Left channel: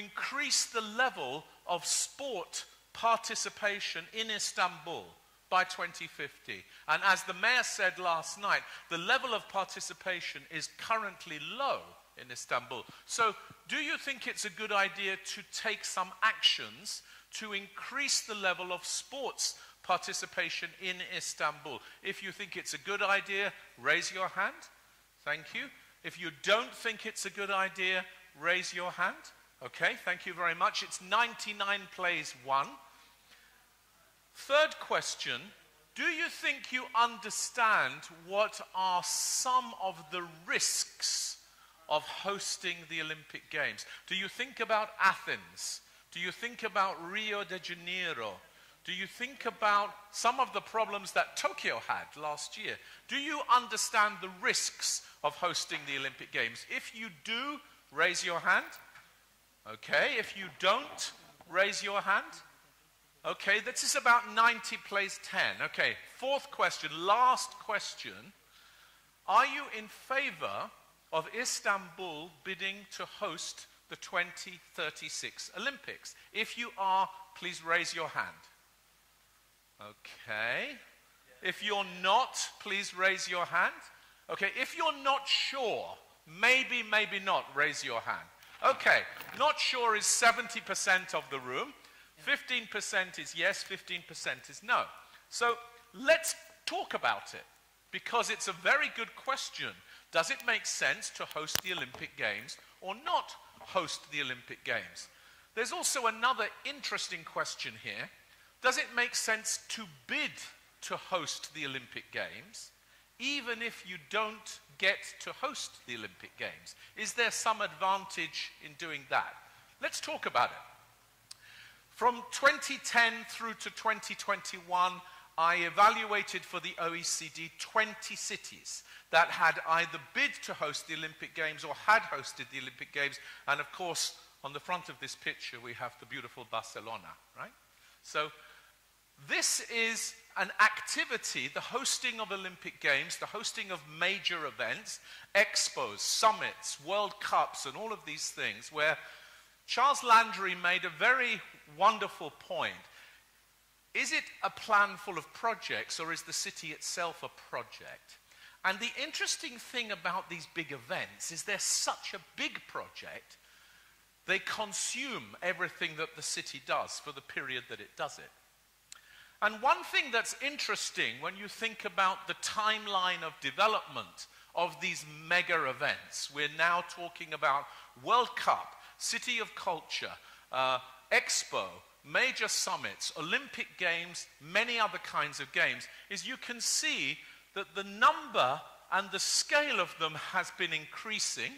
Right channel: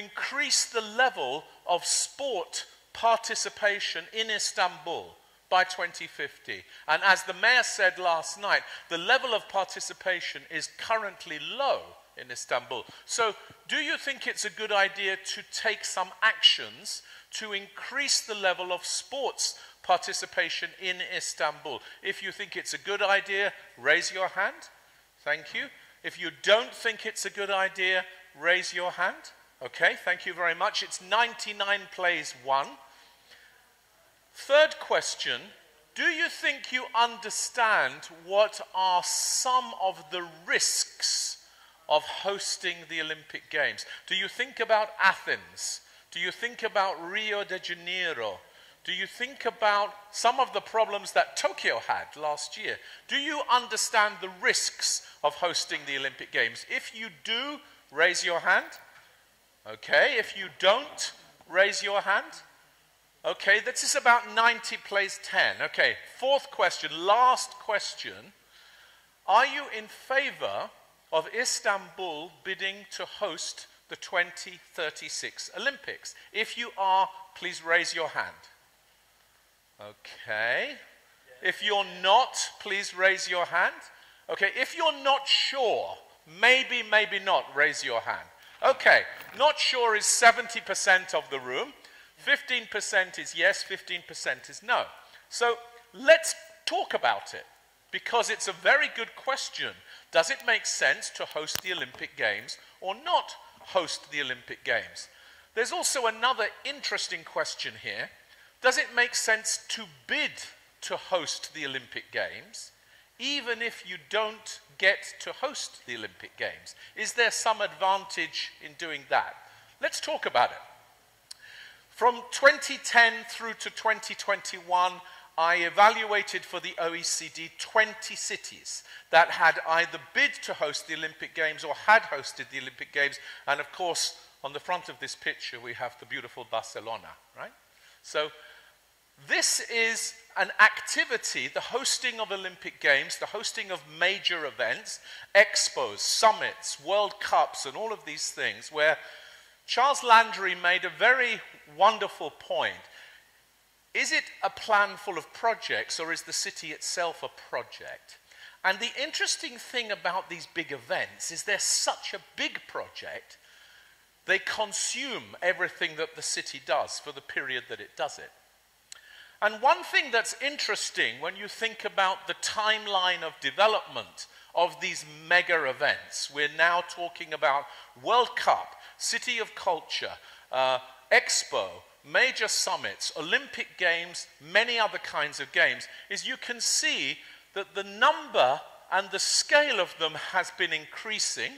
increase the level of sport participation in Istanbul by 2050. And as the mayor said last night, the level of participation is currently low in Istanbul. So do you think it's a good idea to take some actions to increase the level of sports participation in Istanbul? If you think it's a good idea, raise your hand. Thank you. If you don't think it's a good idea, raise your hand. Okay, thank you very much. It's 99 plays 1. Third question, do you think you understand what are some of the risks of hosting the Olympic Games? Do you think about Athens? Do you think about Rio de Janeiro? Do you think about some of the problems that Tokyo had last year? Do you understand the risks of hosting the Olympic Games? If you do, raise your hand. Okay, if you don't, raise your hand. Okay, this is about 90 plays 10. Okay, fourth question, last question. Are you in favor of Istanbul bidding to host the 2036 Olympics? If you are, please raise your hand. Okay. If you're not, please raise your hand. Okay, if you're not sure, maybe, maybe not, raise your hand. Okay, not sure is 70% of the room. 15% is yes, 15% is no. So let's talk about it, because it's a very good question. Does it make sense to host the Olympic Games or not host the Olympic Games? There's also another interesting question here. Does it make sense to bid to host the Olympic Games, even if you don't get to host the Olympic Games? Is there some advantage in doing that? Let's talk about it. From 2010 through to 2021, I evaluated for the OECD 20 cities that had either bid to host the Olympic Games or had hosted the Olympic Games. And of course, on the front of this picture, we have the beautiful Barcelona, right? So this is an activity, the hosting of Olympic Games, the hosting of major events, expos, summits, World Cups, and all of these things, where Charles Landry made a very wonderful point. Is it a plan full of projects, or is the city itself a project? And the interesting thing about these big events is they're such a big project, they consume everything that the city does for the period that it does it. And one thing that's interesting when you think about the timeline of development of these mega events, we're now talking about World Cup, City of Culture, Expo, major summits, Olympic Games, many other kinds of games, is you can see that the number and the scale of them has been increasing,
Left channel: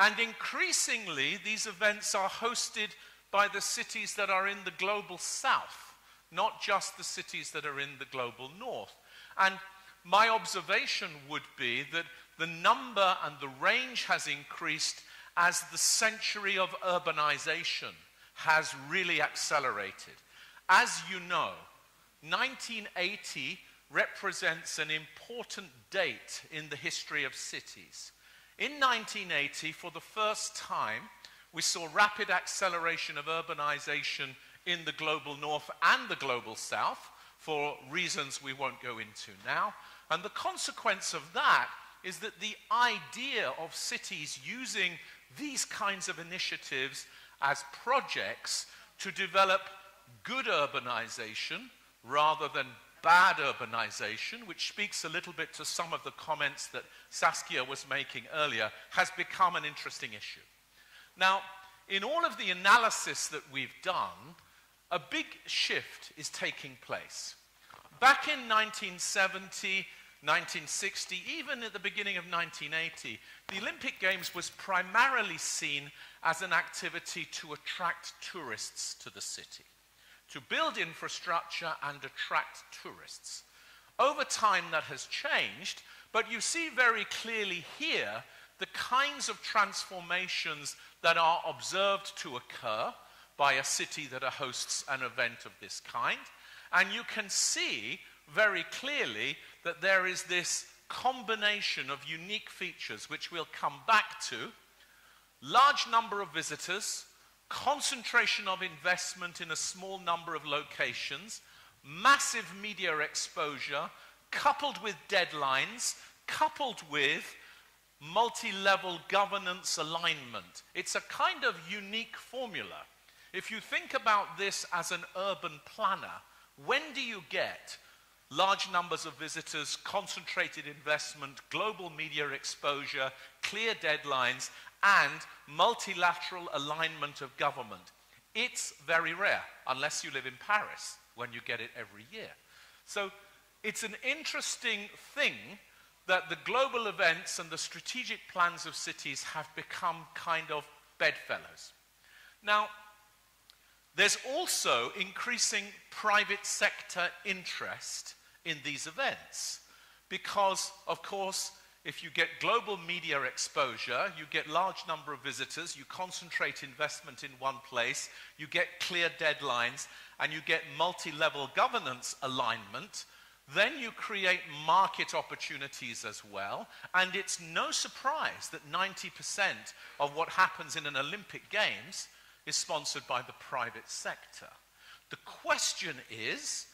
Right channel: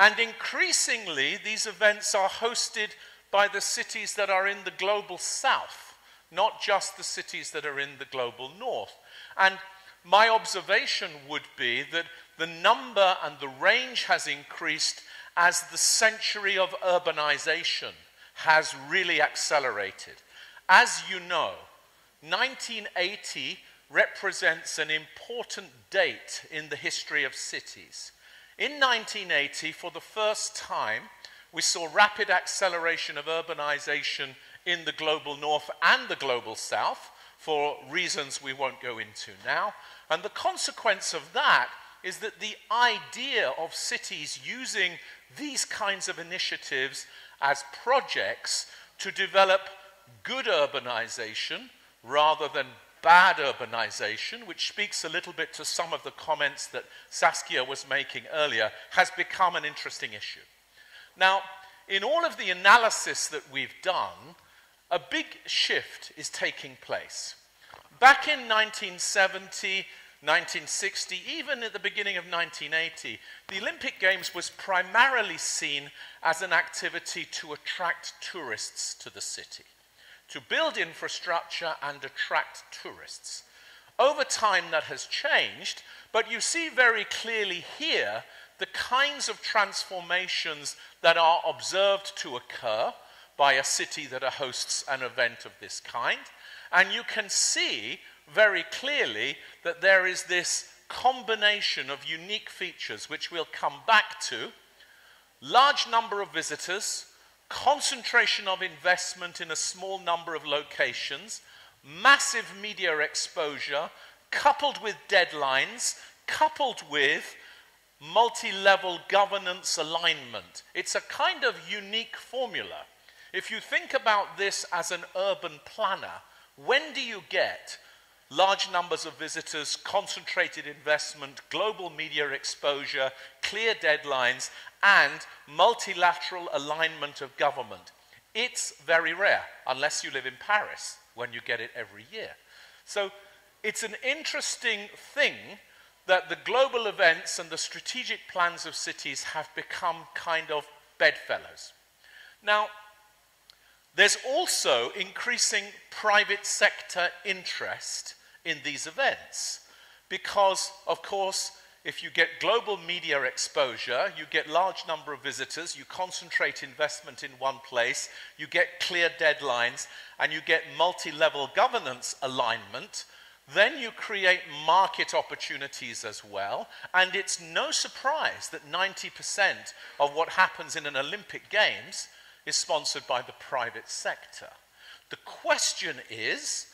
and increasingly these events are hosted by the cities that are in the global south, not just the cities that are in the global north. And my observation would be that the number and the range has increased as the century of urbanization has really accelerated. As you know, 1980 represents an important date in the history of cities. In 1980, for the first time, we saw rapid acceleration of urbanization in the global north and the global south, for reasons we won't go into now. And the consequence of that is that the idea of cities using these kinds of initiatives as projects to develop good urbanization rather than bad urbanization, which speaks a little bit to some of the comments that Saskia was making earlier, has become an interesting issue. Now, in all of the analysis that we've done, a big shift is taking place. Back in 1970, 1960, even at the beginning of 1980, the Olympic Games was primarily seen as an activity to attract tourists to the city, to build infrastructure and attract tourists. Over time that has changed, but you see very clearly here the kinds of transformations that are observed to occur by a city that hosts an event of this kind. And you can see very clearly that there is this combination of unique features which we'll come back to. Large number of visitors, concentration of investment in a small number of locations, massive media exposure, coupled with deadlines, coupled with multi-level governance alignment. It's a kind of unique formula. If you think about this as an urban planner, when do you get large numbers of visitors, concentrated investment, global media exposure, clear deadlines, and multilateral alignment of government? It's very rare, unless you live in Paris, when you get it every year. So it's an interesting thing that the global events and the strategic plans of cities have become kind of bedfellows. Now, there's also increasing private sector interest in these events because, of course, if you get global media exposure, you get large number of visitors, you concentrate investment in one place, you get clear deadlines, and you get multi-level governance alignment, then you create market opportunities as well, and it's no surprise that 90% of what happens in an Olympic Games is sponsored by the private sector. The question is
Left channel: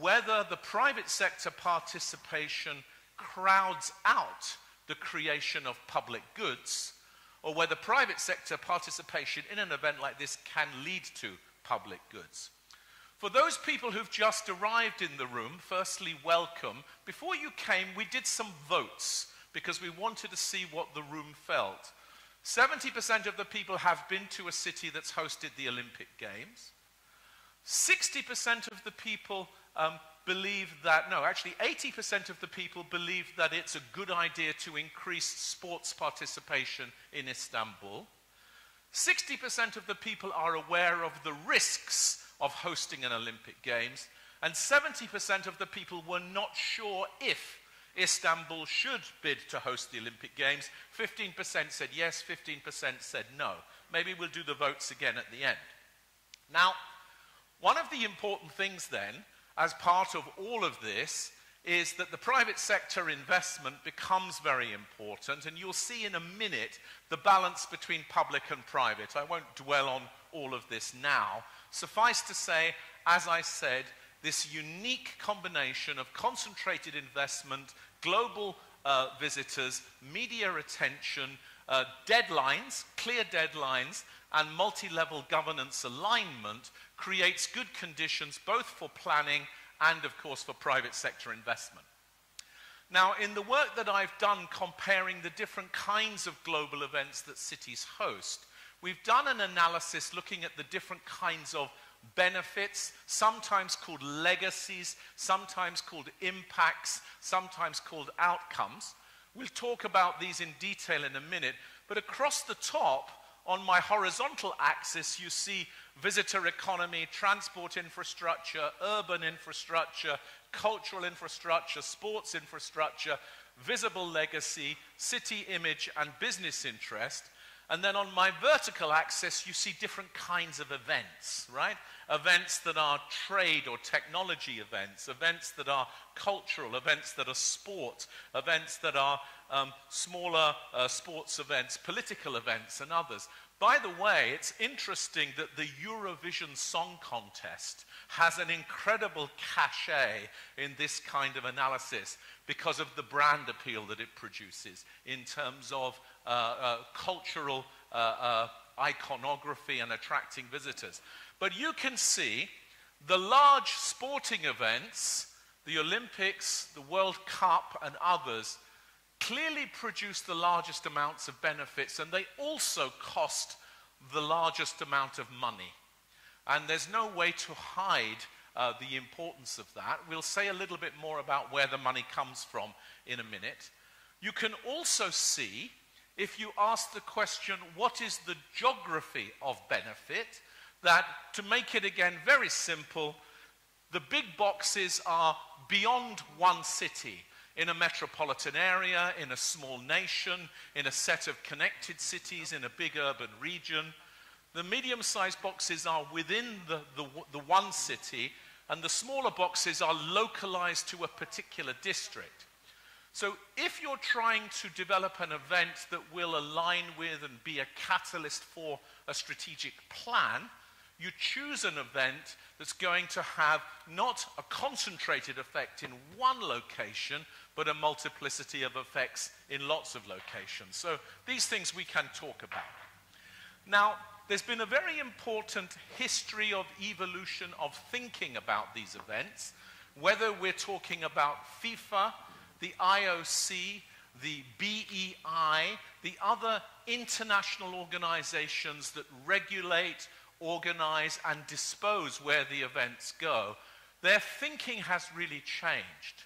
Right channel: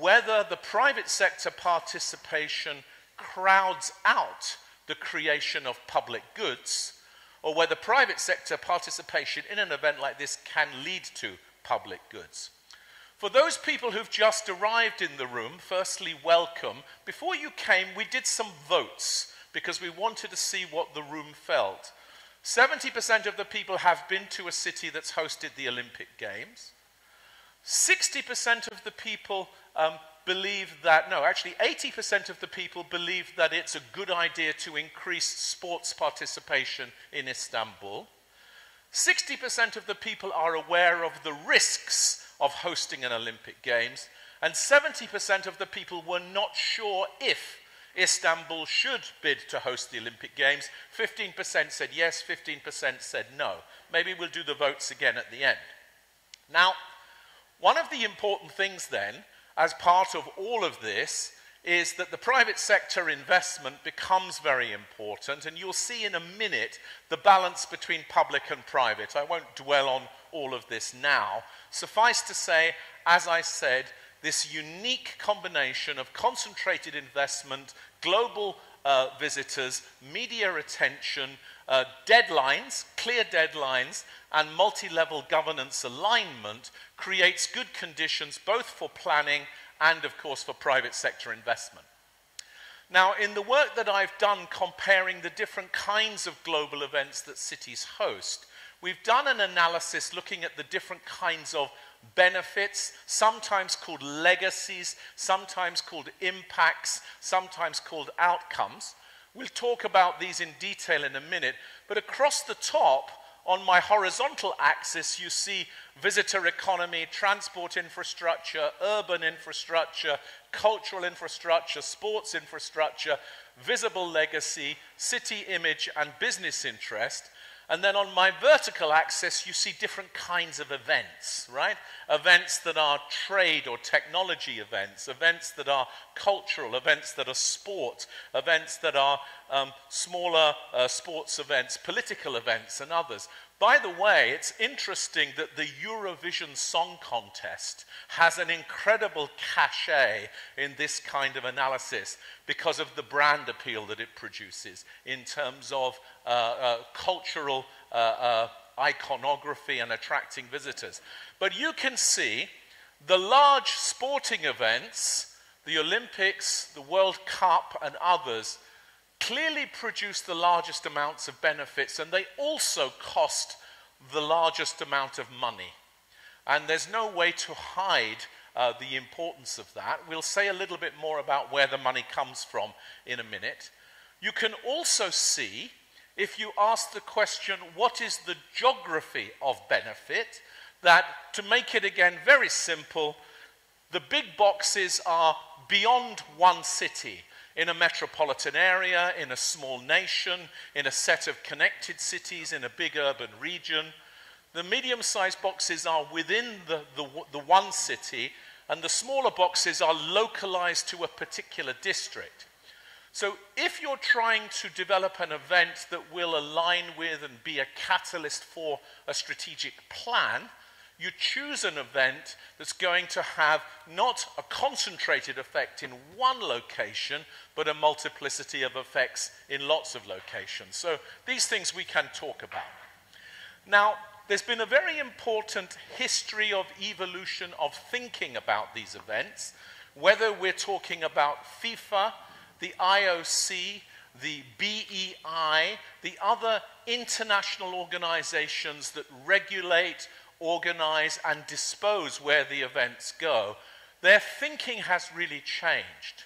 whether the private sector participation crowds out the creation of public goods, or whether private sector participation in an event like this can lead to public goods. For those people who've just arrived in the room, firstly, welcome. Before you came, we did some votes because we wanted to see what the room felt. 70% of the people have been to a city that's hosted the Olympic Games. 60% of the people believe that, no, actually 80% of the people believe that it's a good idea to increase sports participation in Istanbul. 60% of the people are aware of the risks of hosting an Olympic Games, and 70% of the people were not sure if Istanbul should bid to host the Olympic Games. 15% said yes, 15% said no. Maybe we'll do the votes again at the end. Now, one of the important things then, as part of all of this, is that the private sector investment becomes very important, and you'll see in a minute the balance between public and private. I won't dwell on all of this now. Suffice to say, as I said, this unique combination of concentrated investment, global visitors, media attention, deadlines, clear deadlines, and multi-level governance alignment creates good conditions both for planning and, of course, for private sector investment. Now, in the work that I've done comparing the different kinds of global events that cities host, we've done an analysis looking at the different kinds of benefits, sometimes called legacies, sometimes called impacts, sometimes called outcomes. We'll talk about these in detail in a minute, but across the top, on my horizontal axis, you see visitor economy, transport infrastructure, urban infrastructure, cultural infrastructure, sports infrastructure, visible legacy, city image, and business interest. And then on my vertical axis, you see different kinds of events, right? Events that are trade or technology events, events that are cultural, events that are sport, events that are smaller sports events, political events, and others. By the way, it's interesting that the Eurovision Song Contest has an incredible cachet in this kind of analysis because of the brand appeal that it produces in terms of cultural iconography and attracting visitors. But you can see the large sporting events, the Olympics, the World Cup, and others, clearly produce the largest amounts of benefits, and they also cost the largest amount of money. And there's no way to hide the importance of that. We'll say a little bit more about where the money comes from in a minute. You can also see, if you ask the question, what is the geography of benefit, that, to make it again very simple, the big boxes are beyond one city, in a metropolitan area, in a small nation, in a set of connected cities, in a big urban region. The medium-sized boxes are within the one city, and the smaller boxes are localized to a particular district. So if you're trying to develop an event that will align with and be a catalyst for a strategic plan, you choose an event that's going to have not a concentrated effect in one location, but a multiplicity of effects in lots of locations. So these things we can talk about. Now, there's been a very important history of evolution of thinking about these events, whether we're talking about FIFA, the IOC, the BEI, the other international organizations that regulate, organize, and dispose where the events go. Their thinking has really changed.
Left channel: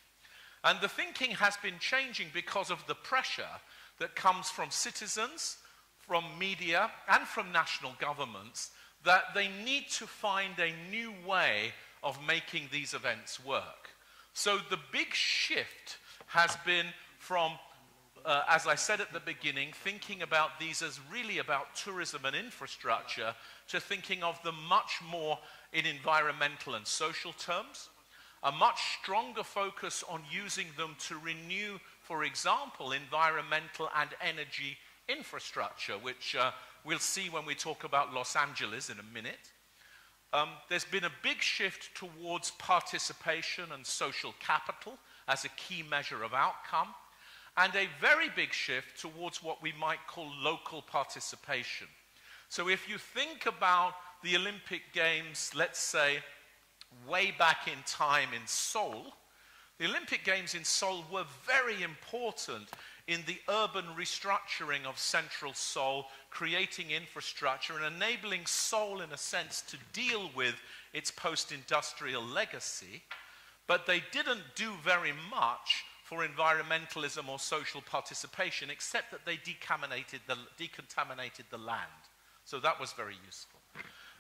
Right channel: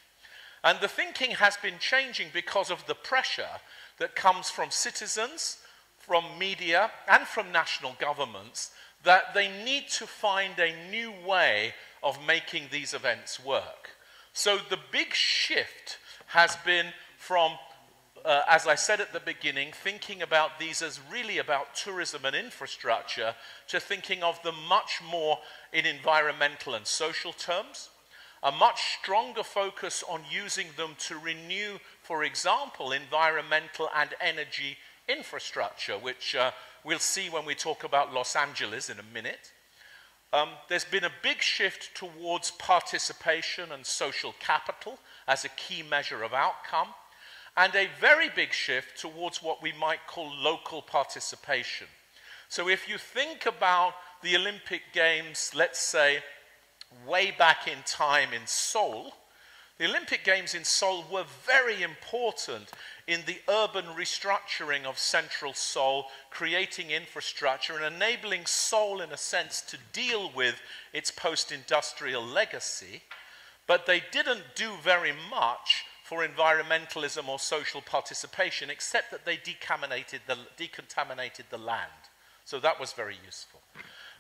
And the thinking has been changing because of the pressure that comes from citizens, from media, and from national governments, that they need to find a new way of making these events work. So the big shift has been from, as I said at the beginning, thinking about these as really about tourism and infrastructure, to thinking of them much more in environmental and social terms, a much stronger focus on using them to renew, for example, environmental and energy infrastructure, which we'll see when we talk about Los Angeles in a minute. There's been a big shift towards participation and social capital as a key measure of outcome, and a very big shift towards what we might call local participation. So if you think about the Olympic Games, let's say, way back in time in Seoul, the Olympic Games in Seoul were very important in the urban restructuring of central Seoul, creating infrastructure and enabling Seoul, in a sense, to deal with its post-industrial legacy. But they didn't do very much for environmentalism or social participation, except that they decontaminated the land. So that was very useful.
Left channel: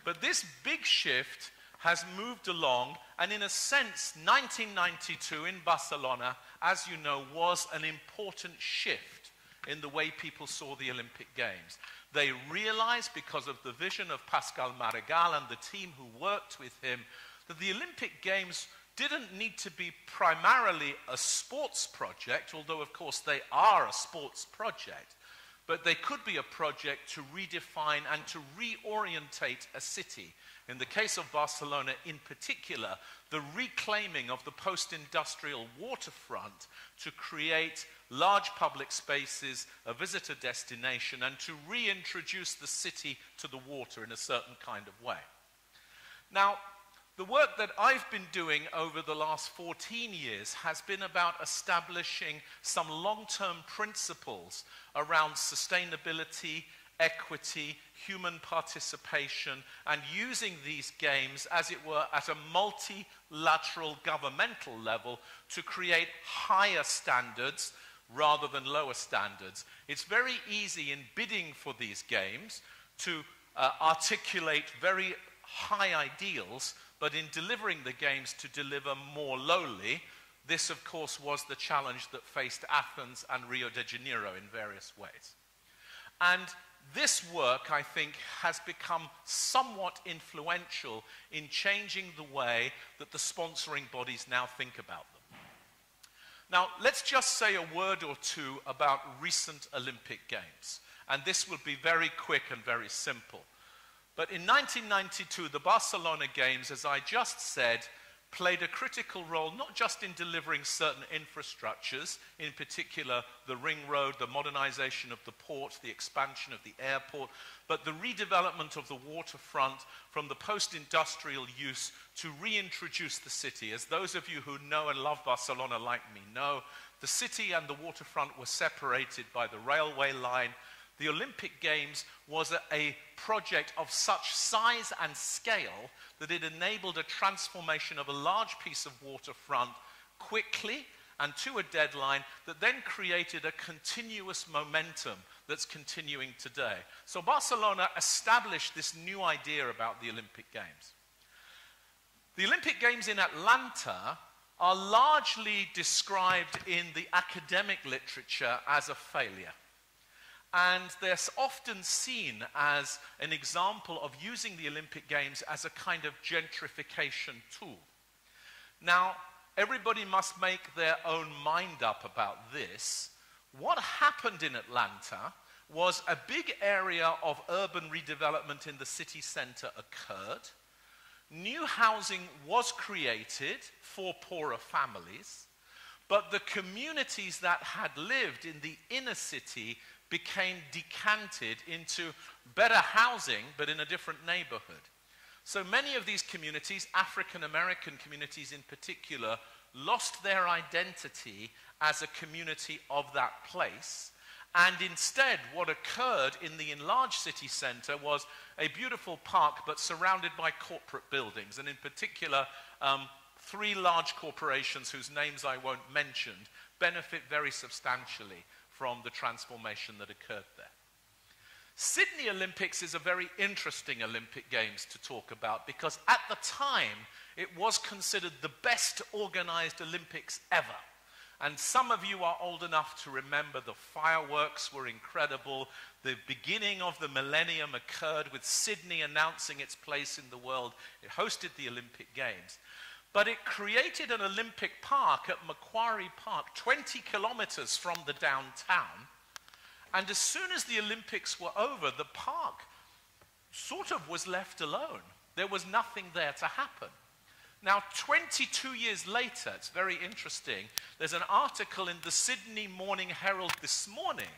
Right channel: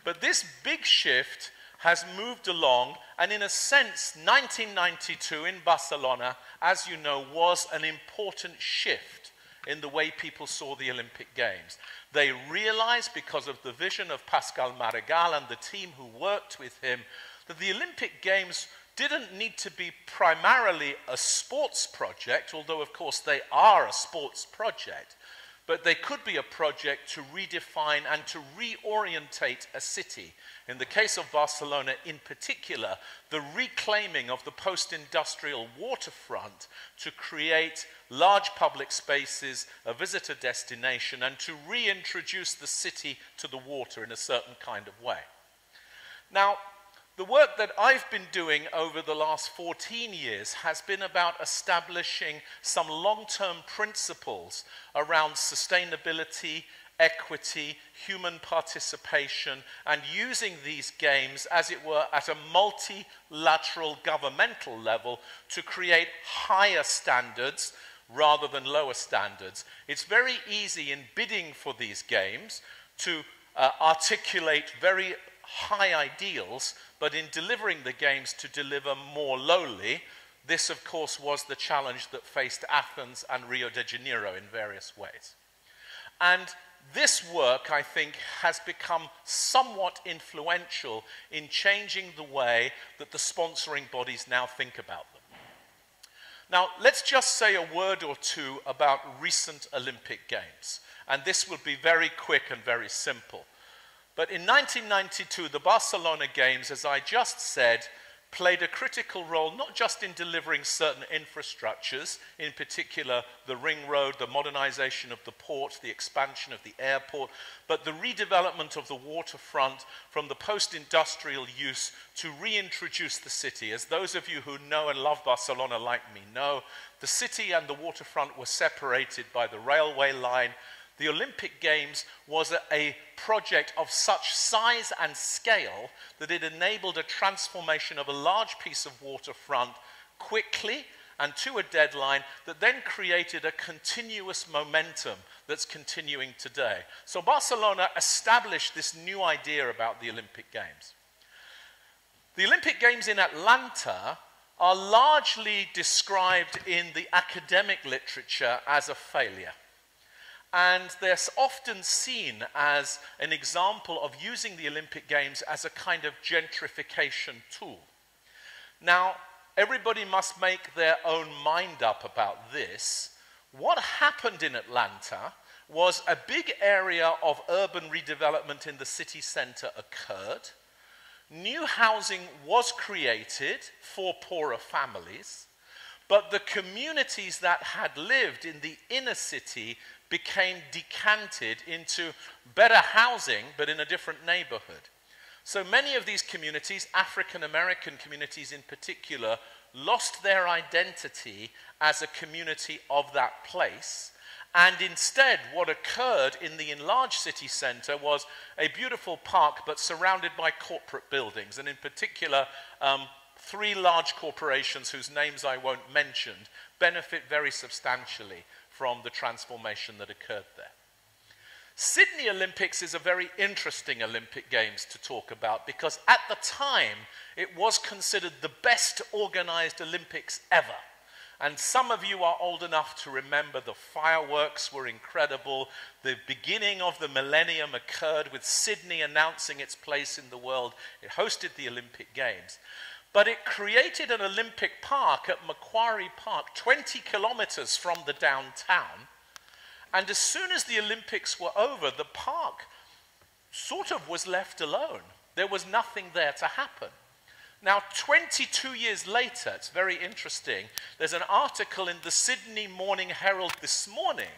But this big shift has moved along, and in a sense, 1992 in Barcelona, as you know, was an important shift in the way people saw the Olympic Games. They realized, because of the vision of Pascal Maragall and the team who worked with him, that the Olympic Games didn't need to be primarily a sports project, although of course they are a sports project, but they could be a project to redefine and to reorientate a city. In the case of Barcelona in particular, the reclaiming of the post-industrial waterfront to create large public spaces, a visitor destination, and to reintroduce the city to the water in a certain kind of way. Now, the work that I've been doing over the last 14 years has been about establishing some long-term principles around sustainability, equity, human participation, and using these games, as it were, at a multilateral governmental level to create higher standards rather than lower standards. It's very easy in bidding for these games to articulate very high ideals, but in delivering the games to deliver more lowly. This, of course, was the challenge that faced Athens and Rio de Janeiro in various ways. And this work, I think, has become somewhat influential in changing the way that the sponsoring bodies now think about them. Now, let's just say a word or two about recent Olympic Games. And this will be very quick and very simple. But in 1992, the Barcelona Games, as I just said, played a critical role not just in delivering certain infrastructures, in particular the ring road, the modernization of the port, the expansion of the airport, but the redevelopment of the waterfront from the post-industrial use to reintroduce the city. As those of you who know and love Barcelona like me know, the city and the waterfront were separated by the railway line. The Olympic Games was a project of such size and scale that it enabled a transformation of a large piece of waterfront quickly and to a deadline that then created a continuous momentum that's continuing today. So Barcelona established this new idea about the Olympic Games. The Olympic Games in Atlanta are largely described in the academic literature as a failure. And they're often seen as an example of using the Olympic Games as a kind of gentrification tool. Now, everybody must make their own mind up about this. What happened in Atlanta was a big area of urban redevelopment in the city center occurred. New housing was created for poorer families, but the communities that had lived in the inner city became decanted into better housing, but in a different neighborhood. So many of these communities, African American communities in particular, lost their identity as a community of that place. And instead, what occurred in the enlarged city center was a beautiful park, but surrounded by corporate buildings. And in particular, 3 large corporations whose names I won't mention benefit very substantially from the transformation that occurred there. Sydney Olympics is a very interesting Olympic Games to talk about because at the time it was considered the best organized Olympics ever. And some of you are old enough to remember the fireworks were incredible. The beginning of the millennium occurred with Sydney announcing its place in the world. It hosted the Olympic Games. But it created an Olympic park at Macquarie Park, 20 kilometers from the downtown. And as soon as the Olympics were over, the park sort of was left alone. There was nothing there to happen. Now, 22 years later, it's very interesting, there's an article in the Sydney Morning Herald this morning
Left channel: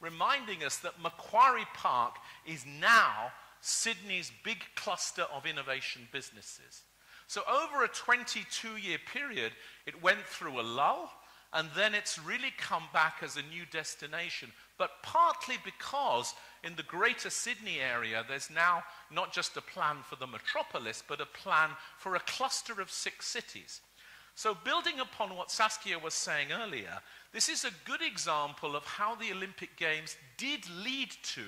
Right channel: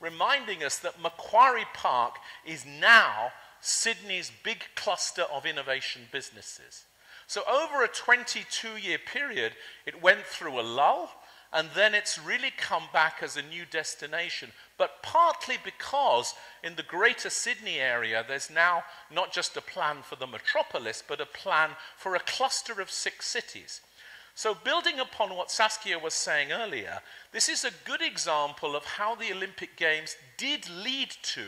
reminding us that Macquarie Park is now Sydney's big cluster of innovation businesses. So over a 22-year period, it went through a lull, and then it's really come back as a new destination, but partly because in the greater Sydney area, there's now not just a plan for the metropolis, but a plan for a cluster of 6 cities. So building upon what Saskia was saying earlier, this is a good example of how the Olympic Games did lead to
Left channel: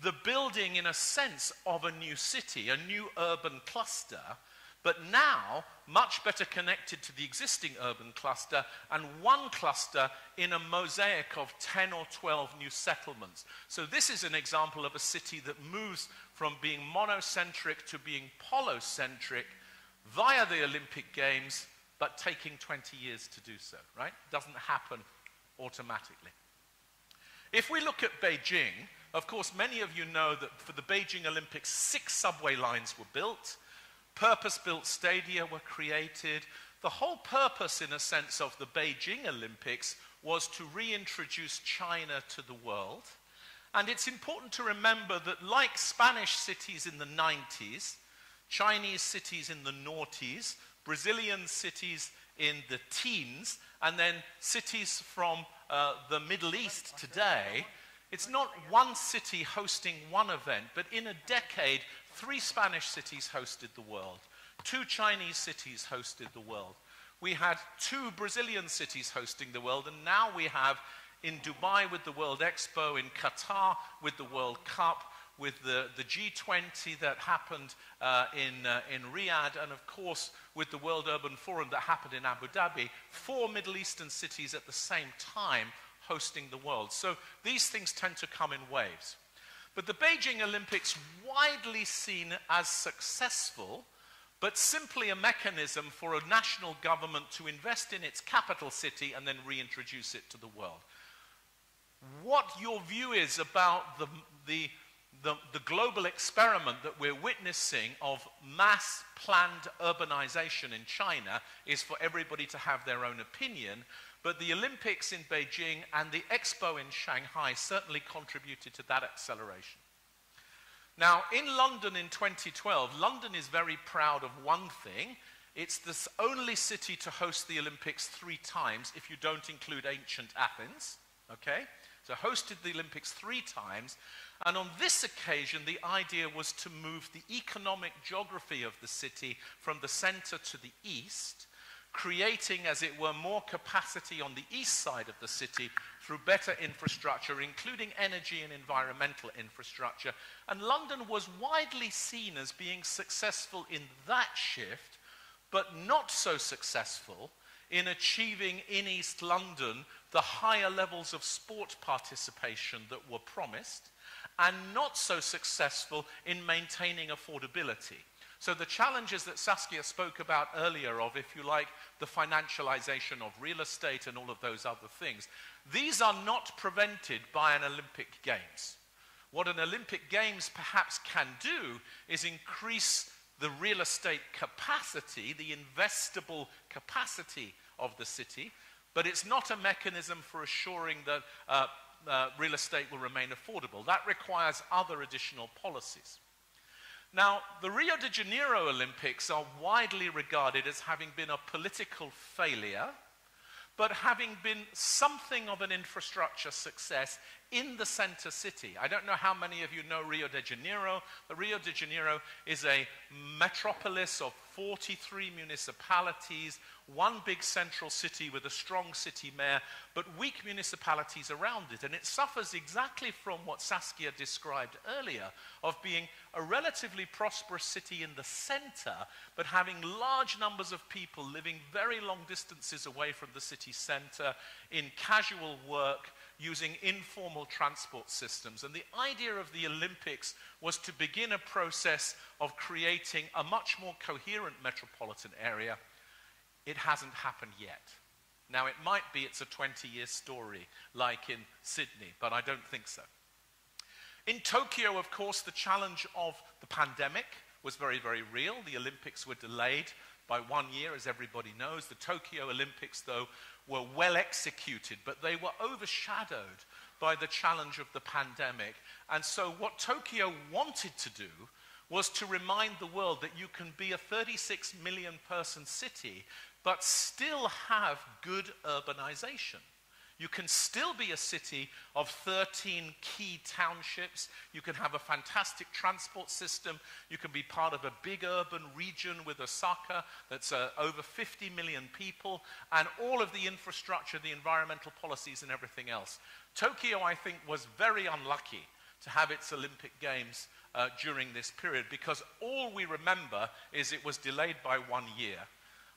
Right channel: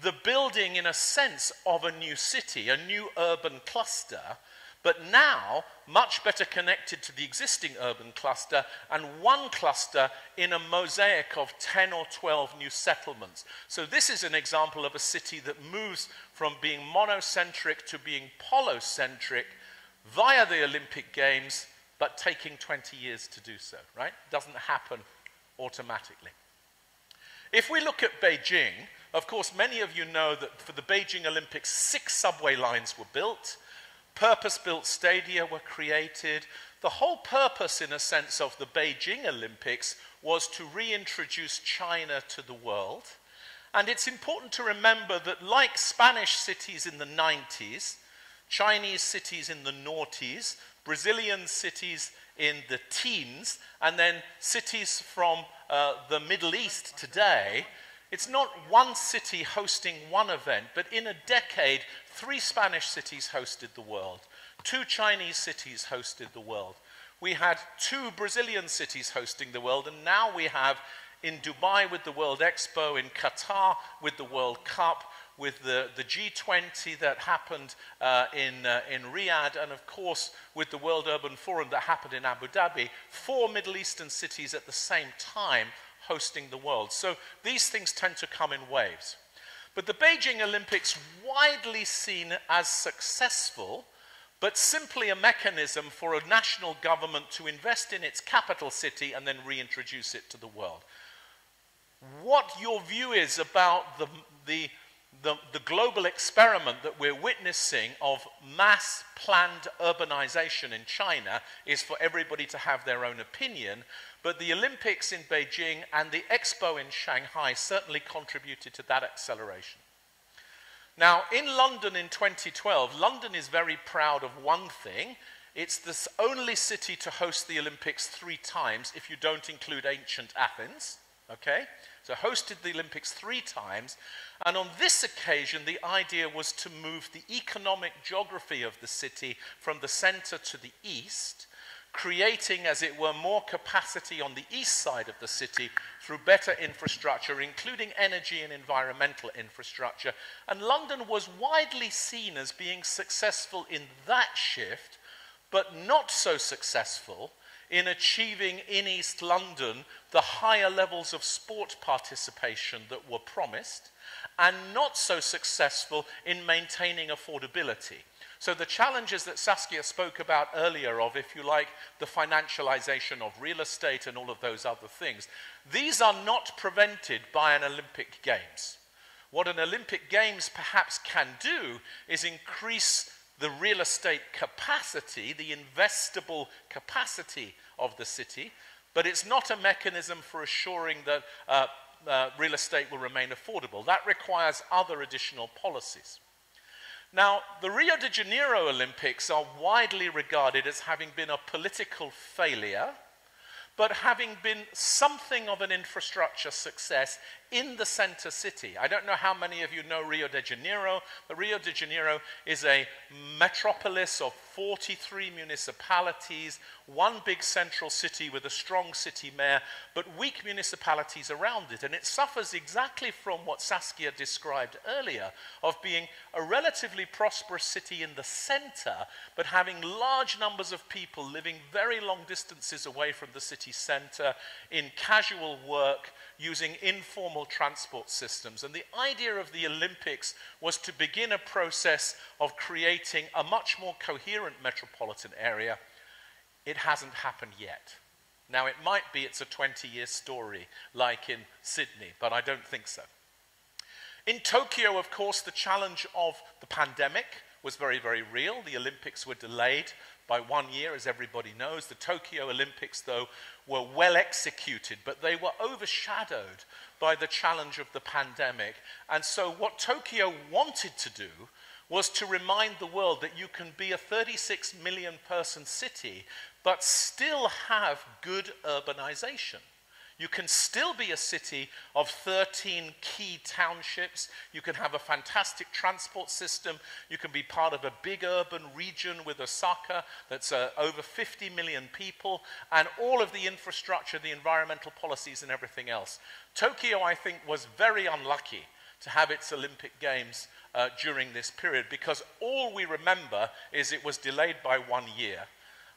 the building, in a sense, of a new city, a new urban cluster, but now much better connected to the existing urban cluster, and one cluster in a mosaic of 10 or 12 new settlements. So this is an example of a city that moves from being monocentric to being polycentric via the Olympic Games, but taking 20 years to do so, right? Doesn't happen automatically. If we look at Beijing, of course, many of you know that for the Beijing Olympics, 6 subway lines were built. Purpose-built stadia were created. The whole purpose, in a sense, of the Beijing Olympics was to reintroduce China to the world. And it's important to remember that, like Spanish cities in the 90s, Chinese cities in the noughties, Brazilian cities in the teens, and then cities from the Middle East today, it's not one city hosting one event, but in a decade, 3 Spanish cities hosted the world, 2 Chinese cities hosted the world. We had 2 Brazilian cities hosting the world, and now we have in Dubai with the World Expo, in Qatar with the World Cup, with the G20 that happened in Riyadh, and of course with the World Urban Forum that happened in Abu Dhabi, 4 Middle Eastern cities at the same time hosting the world. So these things tend to come in waves. But the Beijing Olympics, widely seen as successful, but simply a mechanism for a national government to invest in its capital city and then reintroduce it to the world. What your view is about the global experiment that we're witnessing of mass planned urbanization in China is for everybody to have their own opinion, but the Olympics in Beijing and the Expo in Shanghai certainly contributed to that acceleration. Now, in London in 2012, London is very proud of one thing. It's the only city to host the Olympics 3 times, if you don't include ancient Athens, okay? So hosted the Olympics 3 times, and on this occasion the idea was to move the economic geography of the city from the center to the east, creating, as it were, more capacity on the east side of the city through better infrastructure, including energy and environmental infrastructure. And London was widely seen as being successful in that shift, but not so successful in achieving in East London the higher levels of sport participation that were promised, and not so successful in maintaining affordability. So the challenges that Saskia spoke about earlier of, if you like, the financialization of real estate and all of those other things, these are not prevented by an Olympic Games. What an Olympic Games perhaps can do is increase the real estate capacity, the investable capacity of the city, but it's not a mechanism for assuring that real estate will remain affordable. That requires other additional policies. Now, the Rio de Janeiro Olympics are widely regarded as having been a political failure, but having been something of an infrastructure success in the center city. I don't know how many of you know Rio de Janeiro. Rio de Janeiro is a metropolis of 43 municipalities, one big central city with a strong city mayor, but weak municipalities around it. And it suffers exactly from what Saskia described earlier, of being a relatively prosperous city in the center, but having large numbers of people living very long distances away from the city center in casual work, using informal transport systems. And the idea of the Olympics was to begin a process of creating a much more coherent metropolitan area. It hasn't happened yet. Now, it might be it's a 20-year story, like in Sydney, but I don't think so. In Tokyo, of course, the challenge of the pandemic was very, very real. The Olympics were delayed by 1 year, as everybody knows. The Tokyo Olympics, though, were well executed, but they were overshadowed by the challenge of the pandemic. And so what Tokyo wanted to do was to remind the world that you can be a 36 million person city, but still have good urbanization. You can still be a city of 13 key townships. You can have a fantastic transport system. You can be part of a big urban region with Osaka that's over 50 million people, and all of the infrastructure, the environmental policies and everything else. Tokyo, I think, was very unlucky to have its Olympic Games during this period, because all we remember is it was delayed by 1 year.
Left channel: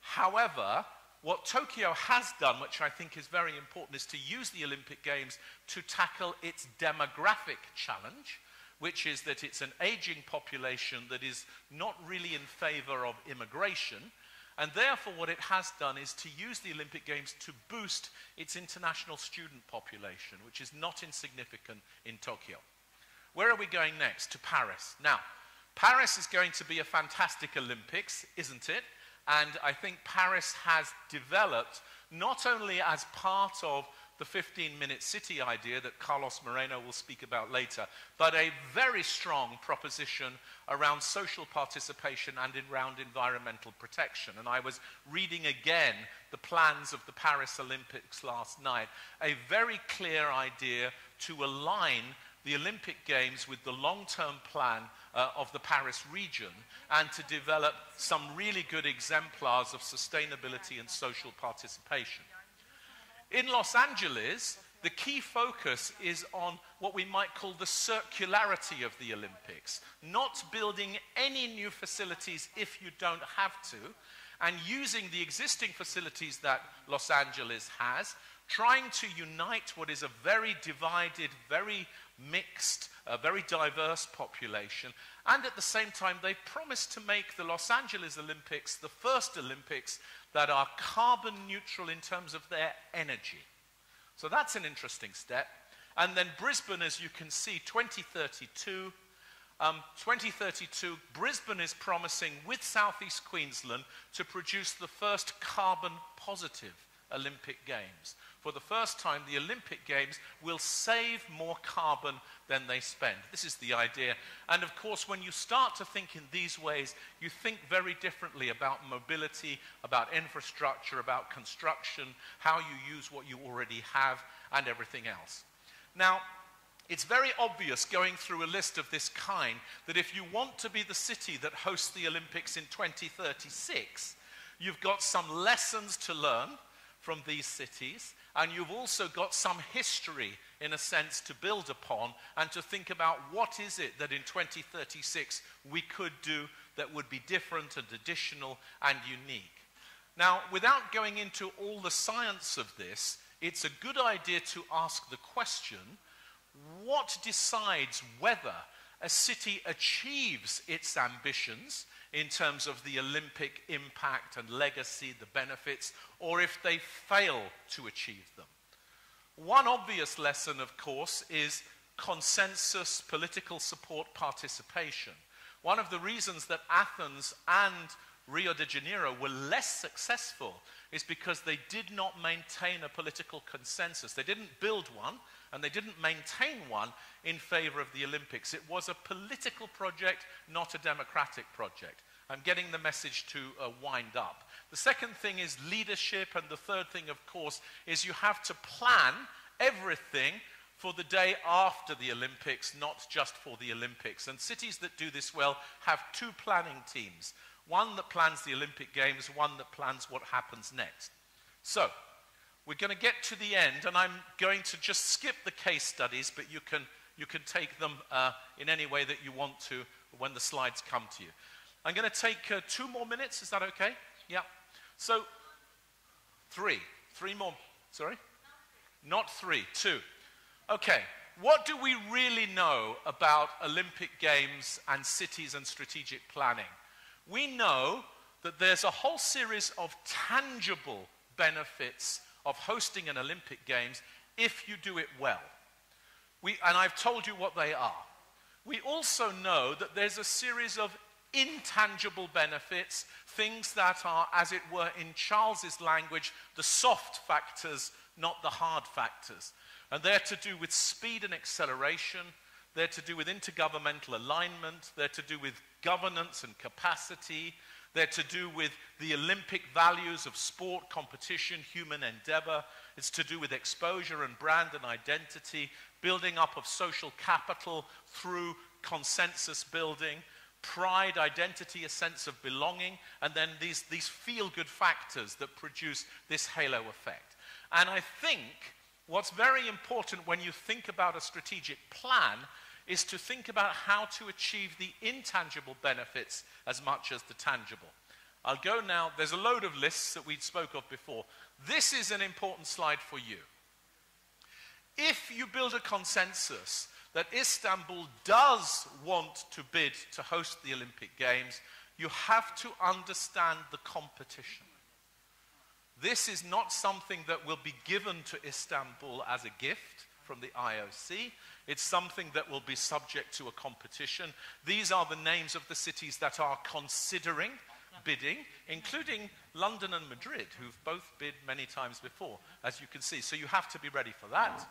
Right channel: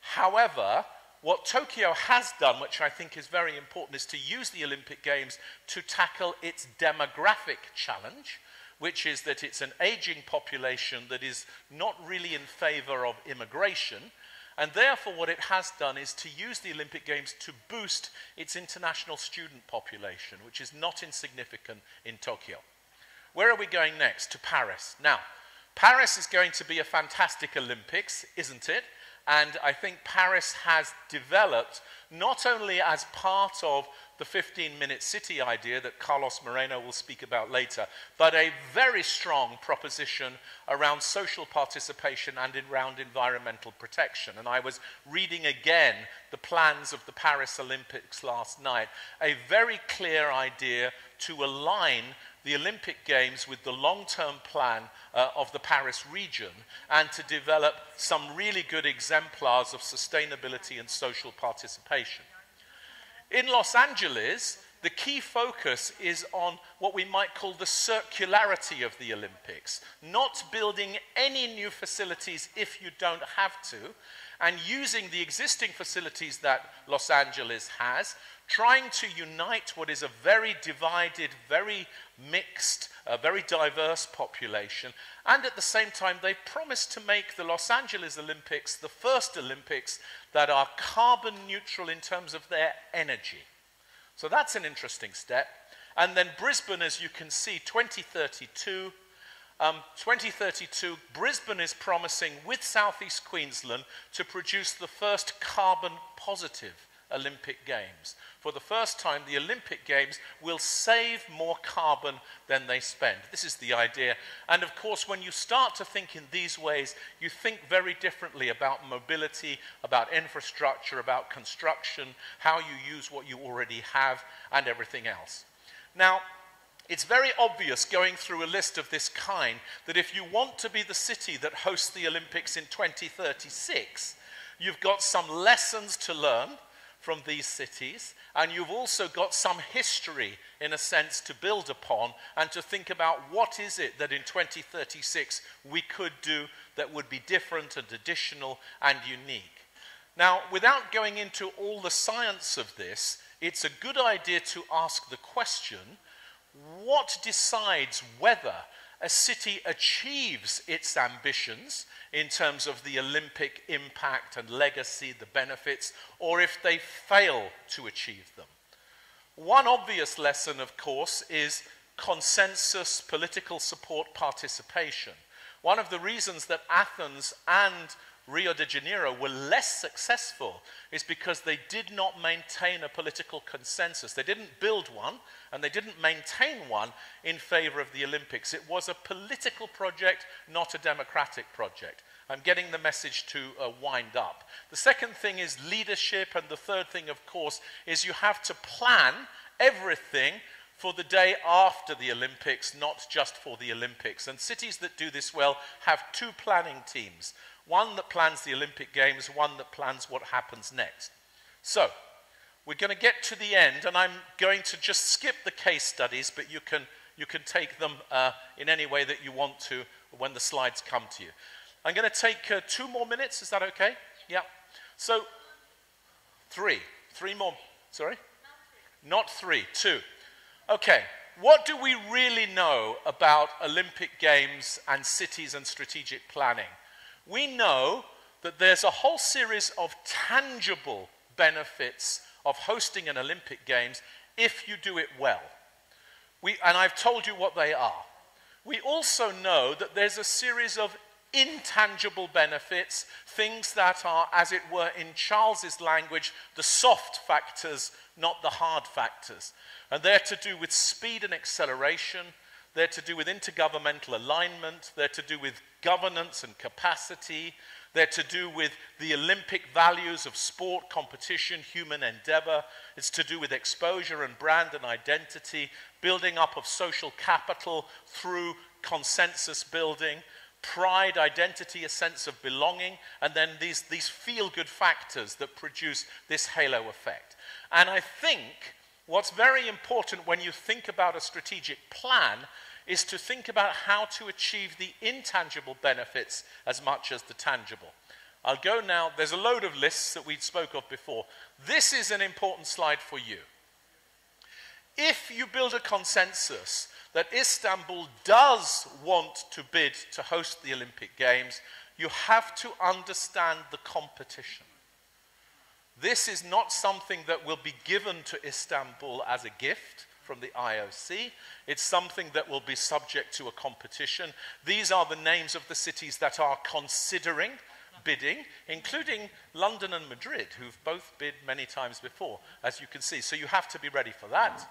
However, what Tokyo has done, which I think is very important, is to use the Olympic Games to tackle its demographic challenge, which is that it's an aging population that is not really in favor of immigration. And therefore, what it has done is to use the Olympic Games to boost its international student population, which is not insignificant in Tokyo. Where are we going next? To Paris. Now, Paris is going to be a fantastic Olympics, isn't it? And I think Paris has developed, not only as part of the 15-minute city idea that Carlos Moreno will speak about later, but a very strong proposition around social participation and around environmental protection. And I was reading again the plans of the Paris Olympics last night, a very clear idea to align the Olympic Games with the long-term plan of the Paris region, and to develop some really good exemplars of sustainability and social participation. In Los Angeles, the key focus is on what we might call the circularity of the Olympics, not building any new facilities if you don't have to, and using the existing facilities that Los Angeles has, trying to unite what is a very divided, very mixed, very diverse population. And at the same time, they promised to make the Los Angeles Olympics the first Olympics that are carbon neutral in terms of their energy. So that's an interesting step. And then Brisbane, as you can see, 2032. 2032, Brisbane is promising, with Southeast Queensland, to produce the first carbon positive Olympic Games. For the first time, the Olympic Games will save more carbon than they spend. This is the idea. And of course, when you start to think in these ways, you think very differently about mobility, about infrastructure, about construction, how you use what you already have, and everything else. Now, it's very obvious going through a list of this kind that if you want to be the city that hosts the Olympics in 2036, you've got some lessons to learn from these cities, and you've also got some history, in a sense, to build upon and to think about what is it that in 2036 we could do that would be different and additional and unique. Now, without going into all the science of this, it's a good idea to ask the question, what decides whether a city achieves its ambitions in terms of the Olympic impact and legacy, the benefits, or if they fail to achieve them. One obvious lesson, of course, is consensus, political support, participation. One of the reasons that Athens and Rio de Janeiro were less successful is because they did not maintain a political consensus. They didn't build one, and they didn't maintain one in favor of the Olympics. It was a political project, not a democratic project. I'm getting the message to wind up. The second thing is leadership, and the third thing, of course, is you have to plan everything for the day after the Olympics, not just for the Olympics. And cities that do this well have two planning teams. One that plans the Olympic Games, one that plans what happens next. So, we're going to get to the end, and I'm going to just skip the case studies, but you can take them in any way that you want to when the slides come to you. I'm going to take 2 more minutes. Is that okay? Yeah. So, 3 more. Sorry? Not 3, 2. Okay. What do we really know about Olympic Games and cities and strategic planning? We know that there's a whole series of tangible benefits of hosting an Olympic Games if you do it well. And I've told you what they are. We also know that there's a series of intangible benefits, things that are, as it were, in Charles's language, the soft factors, not the hard factors. And they're to do with speed and acceleration. They're to do with intergovernmental alignment. They're to do with governance and capacity. They're to do with the Olympic values of sport, competition, human endeavor. It's to do with exposure and brand and identity, building up of social capital through consensus building, pride, identity, a sense of belonging, and then these feel-good factors that produce this halo effect. And I think what's very important when you think about a strategic plan is to think about how to achieve the intangible benefits as much as the tangible. I'll go now. There's a load of lists that we spoke of before. This is an important slide for you. If you build a consensus that Istanbul does want to bid to host the Olympic Games, you have to understand the competition. This is not something that will be given to Istanbul as a gift from the IOC. It's something that will be subject to a competition. These are the names of the cities that are considering bidding, including London and Madrid, who've both bid many times before, as you can see. So you have to be ready for that.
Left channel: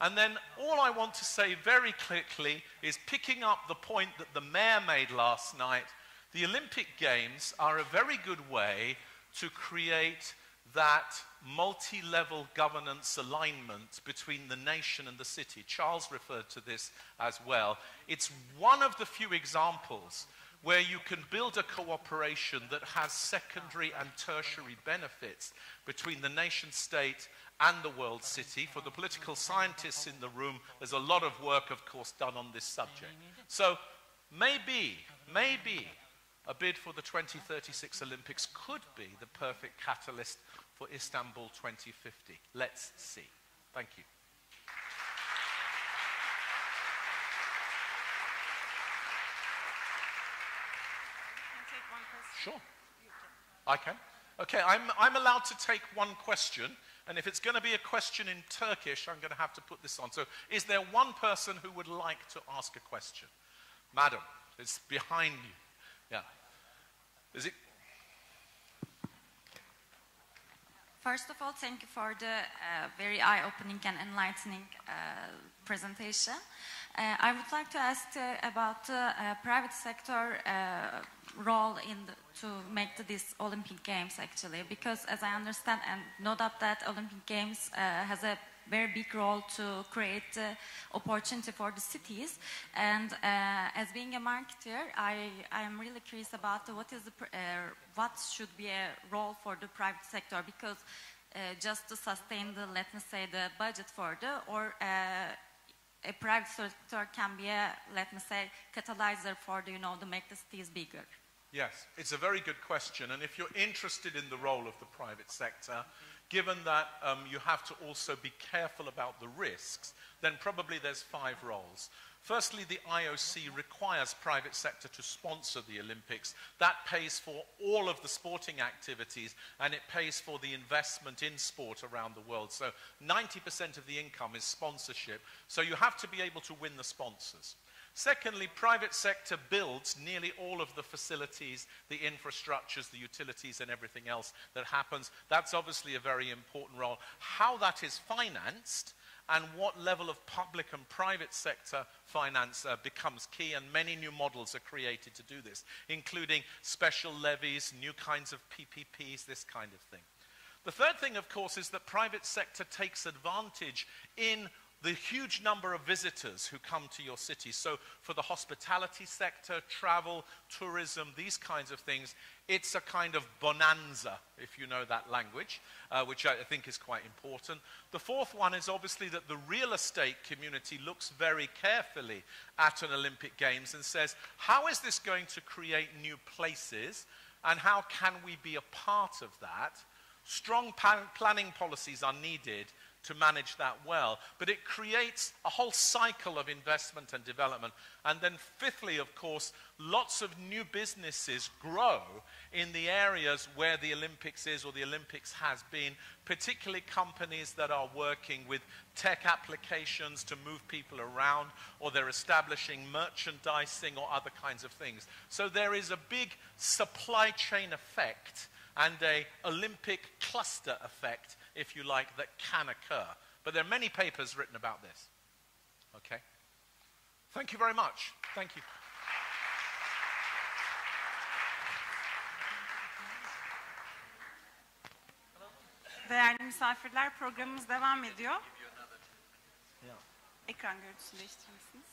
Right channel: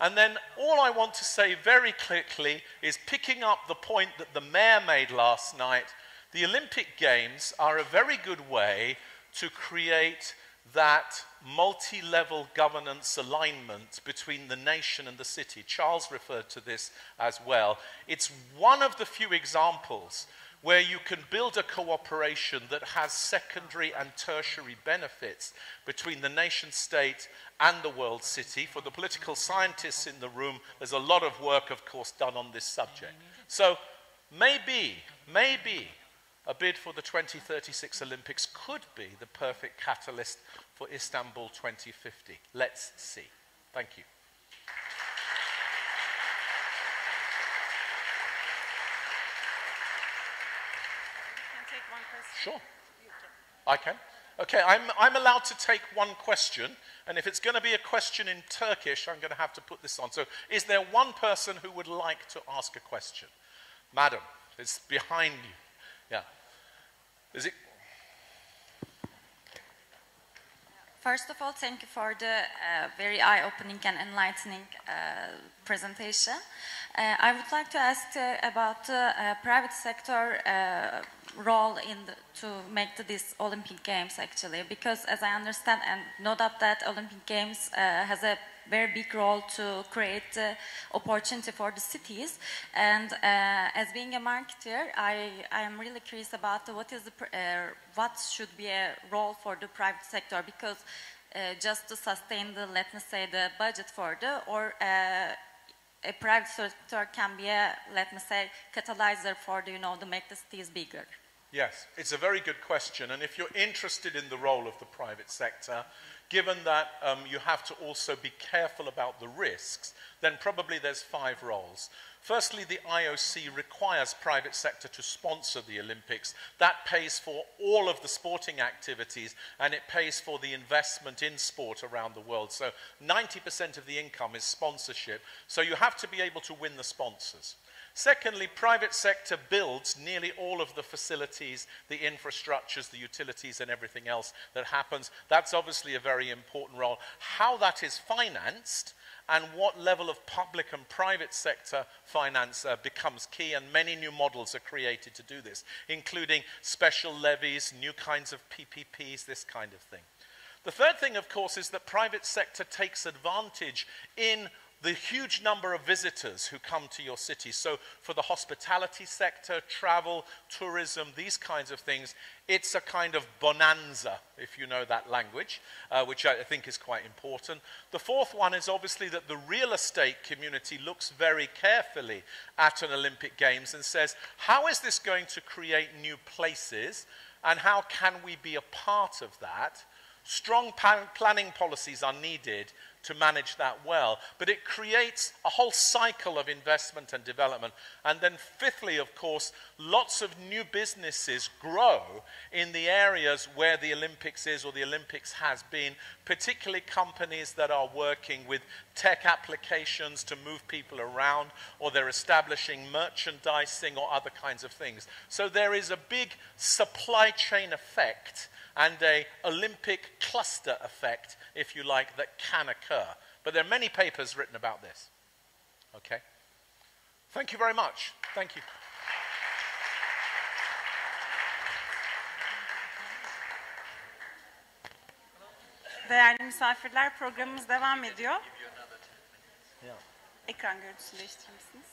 And then all I want to say very quickly is, picking up the point that the mayor made last night, the Olympic Games are a very good way to create that multi-level governance alignment between the nation and the city. Charles referred to this as well. It's one of the few examples where you can build a cooperation that has secondary and tertiary benefits between the nation state and the world city. For the political scientists in the room, there's a lot of work, of course, done on this subject. So maybe a bid for the 2036 Olympics could be the perfect catalyst for Istanbul 2050. Let's see. Thank you. Sure, I can. Okay, I'm allowed to take one question, and if it's going to be a question in Turkish, I'm going to have to put this on. So, is there one person who would like to ask a question? Madam, it's behind you. Yeah. Is it? First of all, thank you for the very eye-opening and enlightening presentation. I would like to ask about the private sector role to make these Olympic Games, actually, because as I understand and know that Olympic Games has a very big role to create opportunity for the cities. And as being a marketer, I am really curious about what should be a role for the private sector, because just to sustain the, let me say, the budget for a private sector can be a, let me say, catalyzer for the, to make the cities bigger. Yes, it's a very good question. And if you're interested in the role of the private sector, given that you have to also be careful about the risks, then probably there's 5 roles. Firstly, the IOC requires private sector to sponsor the Olympics. That pays for all of the sporting activities, and it pays for the investment in sport around the world. So 90% of the income is sponsorship. So you have to be able to win the sponsors. Secondly, private sector builds nearly all of the facilities, the infrastructures, the utilities, and everything else that happens. That's obviously a very important role. How that is financed and what level of public and private sector finance becomes key, and many new models are created to do this, including special levies, new kinds of PPPs, this kind of thing. The third thing, of course, is that private sector takes advantage in the huge number of visitors who come to your city. So for the hospitality sector, travel, tourism, these kinds of things, it's a kind of bonanza, if you know that language, which I think is quite important. The fourth one is obviously that the real estate community looks very carefully at an Olympic Games and says, how is this going to create new places, and how can we be a part of that? Strong planning policies are needed to manage that well, but it creates a whole cycle of investment and development. And then fifthly, of course, lots of new businesses grow in the areas where the Olympics is or the Olympics has been, particularly companies that are working with tech applications to move people around, or they're establishing merchandising or other kinds of things. So there is a big supply chain effect and an Olympic cluster effect, if you like, that can occur. But there are many papers written about this. Okay? Thank you very much. Thank you. Değerli misafirler, programımız devam ediyor. Ekran görüntüsünü değiştirir misiniz?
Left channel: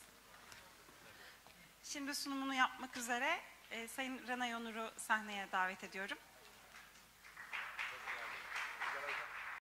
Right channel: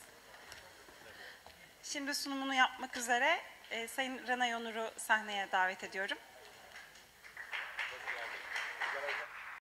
Şimdi sunumunu yapmak üzere Sayın Rana Onur'u sahneye davet ediyorum.